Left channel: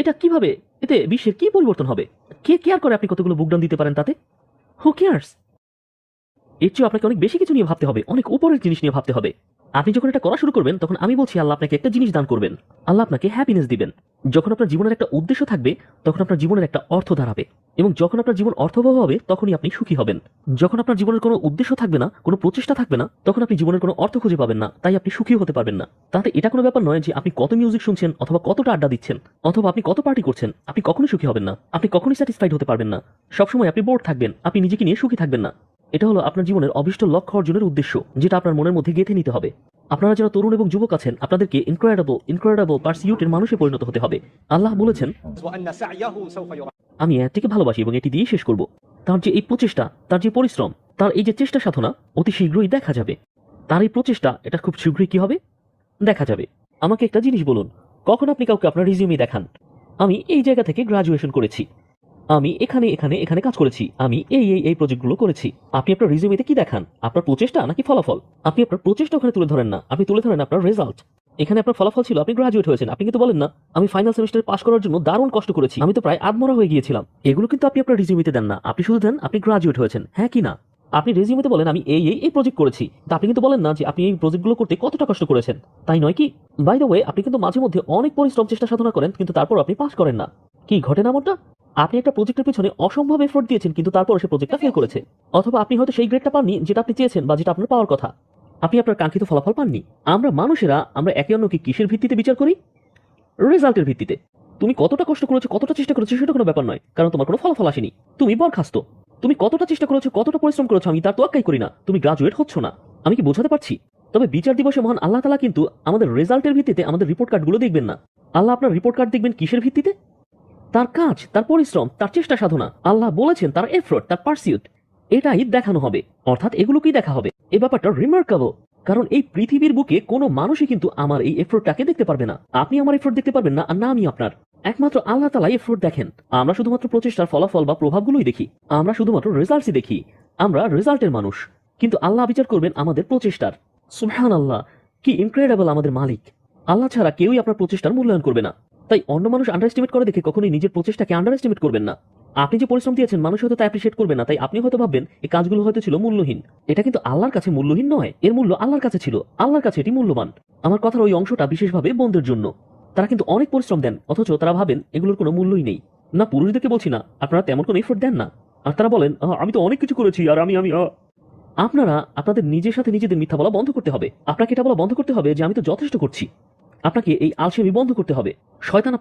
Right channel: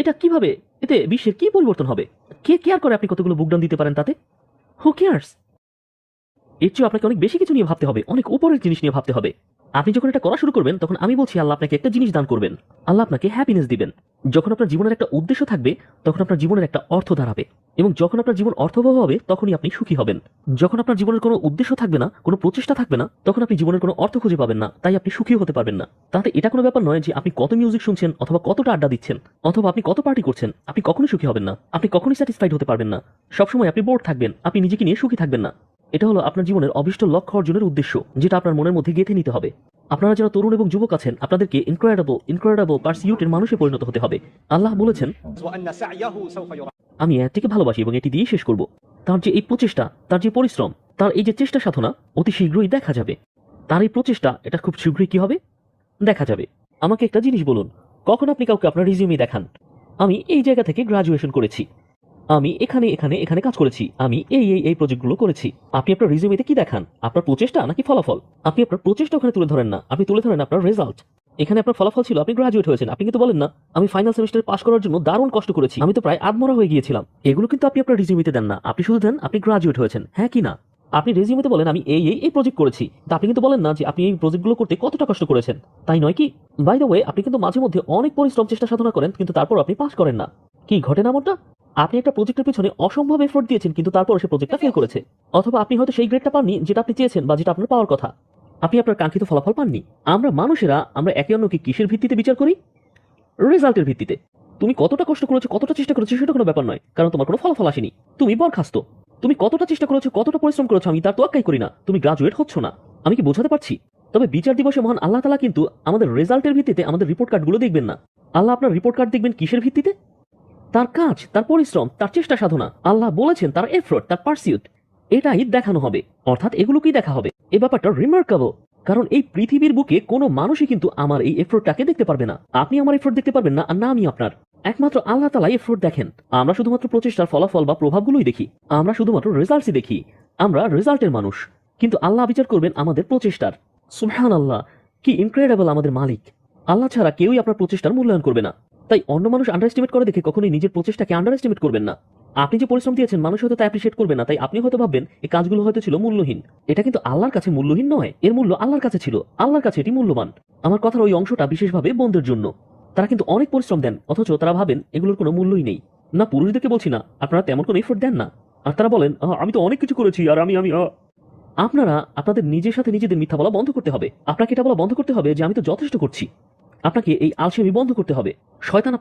এটা কীভাবে? এতে বিশ্বের কি পরিবর্তন হবে? কে কেয়ার করে আপনি কতগুলো বুকডাউন দিতে পারেন তাতে? হু কেয়ার্স এর চেয়ে আপনাকে অনেক বেশি কিছু নিয়ে ভাবতে হবে, অনেক উপরের জিনিস নিয়ে ভাবতে হবে। আপনি যখন এটা করা শুরু করবেন, তখন আমি বলছি, আল্লাহ আপনাকে একটা জিনিস দান করবেন। আল্লাহ আপনাকে হ্যাপিনেস দিবেন। যখন আপনার জীবনের একটা উদ্দেশ্য থাকবে, তখন আপনার জীবনের একটা অর্থ দাঁড়াবে। এবং যখন আপনার জীবন অর্থবহ হবে, তখনই আপনি সুখী হবেন। যখন আপনার জীবনের কোনো উদ্দেশ্য থাকবে না, কোনো প্রচেষ্টা থাকবে না, তখন আপনি জীবনের কোনো অর্থ খুঁজে পাবেন না। তাই আপনি সুখী হতে পারবেন না। তাহলে এটা কোনো ব্যাপার নয় যে আপনি কত মিউজিক শুনছেন অথবা কতটা আড্ডা দিচ্ছেন, অথবা আপনি কত পার্টি করছেন, আপনি কখনোই সুখী হবেন না। আপনি কখনোই স্যাটিসফাইড হতে পারবেন না। সবসময় আপনি বোর্ড থাকবেন, আপনি নিজেকে নিয়ে সুখী থাকবেন না। এটা হলো আপনার জীবনের অভিষ্ট লক্ষ্য অর্জনের উদ্দেশ্য, যেটা আপনার মনের মধ্যে গেঁথে নিতে হবে। আপনারা যারা তরুণ এবং যুবক আছেন, আপনাদেরকে ইনক্রেডিবল ইনক্রেডিবল পার্সিউটের মানুষে পরিণত হতে হবে। আল্লাহ বলেছেন আমি এর থেকে ভালোবাসি এবং এটি দিয়ে শেষ করব। তার যে এই প্রচেষ্টা, তার যে পরিশ্রম, তার এই যে চেষ্টা সাধনা, অতি শীঘ্রই দেখা যাবে। তার এই প্রচেষ্টা, এটা খুব শীঘ্রই কি হবে? দেখা যাবে। আমাকে একটা জিনিস বলুন, কখন আপনি কাউকে আপনার রিজিউমি দেখান? আমি এই জায়গা থেকে গ্রাজুয়েশন করেছি। আমি এখানে এখানে এখানে কাজ করেছি। আমি এই এই এই প্রজেক্টগুলো করেছি। আপনি আপনার রিজিউমিতে কি দেখান? আপনার প্রচেষ্টা নাকি ফলাফল? আপনি আপনার প্রচেষ্টা ওখানে তুলে ধরেন না। আপনি তুলে ধরেন আপনার রেজাল্ট এখানে আপনার ফলাফল ছিল, আপনি গ্রাজুয়েট হয়েছেন। আপনি কিন্তু বলেন না, আমি ফাইনাল সেমিস্টারে পাস করার জন্য দারুণ কষ্ট করেছি। আমি তো প্রায় আধমরা হয়ে গিয়েছিলাম। এগুলো কিন্তু আপনি আপনার রিজিউমিতে দেন না। আপনি শুধু দেন, আপনি গ্রাজুয়েট হয়েছেন। হ্যাঁ কি না? আপনি রেজিউমিতে বলেন, আমি এই এই এই প্রজেক্ট করেছি। তা আপনি কিন্তু বলেন না যে আপনি এই প্রজেক্টগুলো করতে কতটা কষ্ট করেছেন। তাই নয় কি? বাই দ্য ওয়ে আপনি কিন্তু মাঝে মধ্যে অনেক পরিশ্রম চেষ্টা সাধনা করেন, কিন্তু তারপর আপনি পাস করেন না। কি ঘটে না মনটা আপনি একটা প্রজেক্টের পেছনে অসম্ভব এফোর্ট দিয়েছেন, কিন্তু তারপর সে প্রজেক্টটা ফেল করেছেন। অথবা আপনি হয়তো সেই গ্রেডটা পাননি যেটা আপনি চেয়েছেন বা যেটা আপনার পাওয়ার কথা। আপনি আপনার কাঙ্ক্ষিত ফলাফল পাননি। আমরা মানুষেরা, আমরা একে অন্যকে কিসের ভিত্তিতে বিচার করি? রেজাল্টের ভিত্তিতে। তুমি কতটা কষ্ট করেছ, কতটা চেষ্টা করেছ, সেটা কোনো ব্যাপার নয়। কারণ তোমার কোনো ফলাফল আসেনি। তুমি বরখাস্ত। তুমি কতটা চেষ্টা করেছ, কতটা পরিশ্রম করেছ, আমি তার তোয়াক্কাই করি না। তুমি গ্রাজুয়েট হচ্ছ না। আমি কি বোঝাতে পারছি? তবে বিচার দিবসে মহান আল্লাহ তালা কিন্তু আমাদের রেজাল্টের ভিত্তিতে আমাদের রিপোর্ট কার্ডগুলো দেখবেন না। আল্লাহ আপনার রিপোর্ট কার্ড দেখবেন কিসের ভিত্তিতে? তার কাজ, তার পরিশ্রম, তার চেষ্টা সাধনা, আল্লাহ বলেছেন তার এফোর্ট তার পার্সিউট এটাই দেখানো হবে। অর্থাৎ এগুলোকেই দেখা হবে। এই ব্যাপারটা রিমার্কেবল কারণ এই পৃথিবীর বুকে কোনো মানুষই কিন্তু আমার এই এফোর্টটাকে দেখতে পারবে না। আপনি আমার এফোর্ট দেখতে পারবেন না, আর না আমি আপনার। একমাত্র আল্লাহ তালা এফোর্ট দেখেন। আমরা শুধুমাত্র প্রচেষ্টার ফলাফল বা প্রভাবগুলোই দেখি। আমরা শুধুমাত্র রেজাল্টসই দেখি। আমরা রেজাল্টের মানুষ। কিন্তু আল্লাহ বিচার করবেন আমাদের প্রচেষ্টার। সুবহান আল্লাহ কি ইনক্রেডিবল আমাদের মালিক। আল্লাহ ছাড়া কেউই আপনার প্রচেষ্টার মূল্যায়ন করবে না। তাই অন্য মানুষ আন্ডার এস্টিমেট করে দেখে কখনোই নিজের প্রচেষ্টাকে আন্ডার এস্টিমেট করবেন না। আপনি যে পরিশ্রম দিয়েছেন, মানুষ হয়তো তা অ্যাপ্রিসিয়েট করবে না। তাই আপনি হয়তো ভাববেন, এই কাজগুলো হয়তো ছিল মূল্যহীন। এটা কিন্তু আল্লাহর কাছে মূল্যহীন নয়, এর মূল্য আল্লাহর কাছে ছিল। আল্লাহর কাছে এটি মূল্যবান। আমার কথার ওই অংশটা বিশেষভাবে বন্ধুর জন্য। তারা কিন্তু অনেক পরিশ্রম দেন, অথচ তারা ভাবেন, এগুলোর কোনো মূল্যই নেই। না, পুরুষদেরকে বলছি না, আপনারা তেমন কোনো এফোর্ট দেন না। আর তারা বলেন আমি তো অনেক কিছু করেছি, আর আমি আমি আপনারা আপনাদের নিজের সাথে নিজেদের মিথ্যা বলা বন্ধ করতে হবে। আপনাকে এটা বলা বন্ধ করতে হবে যে, আমি তো যথেষ্ট করছি। আপনাকে এই আলসেমি বন্ধ করতে হবে। শয়তান আপনার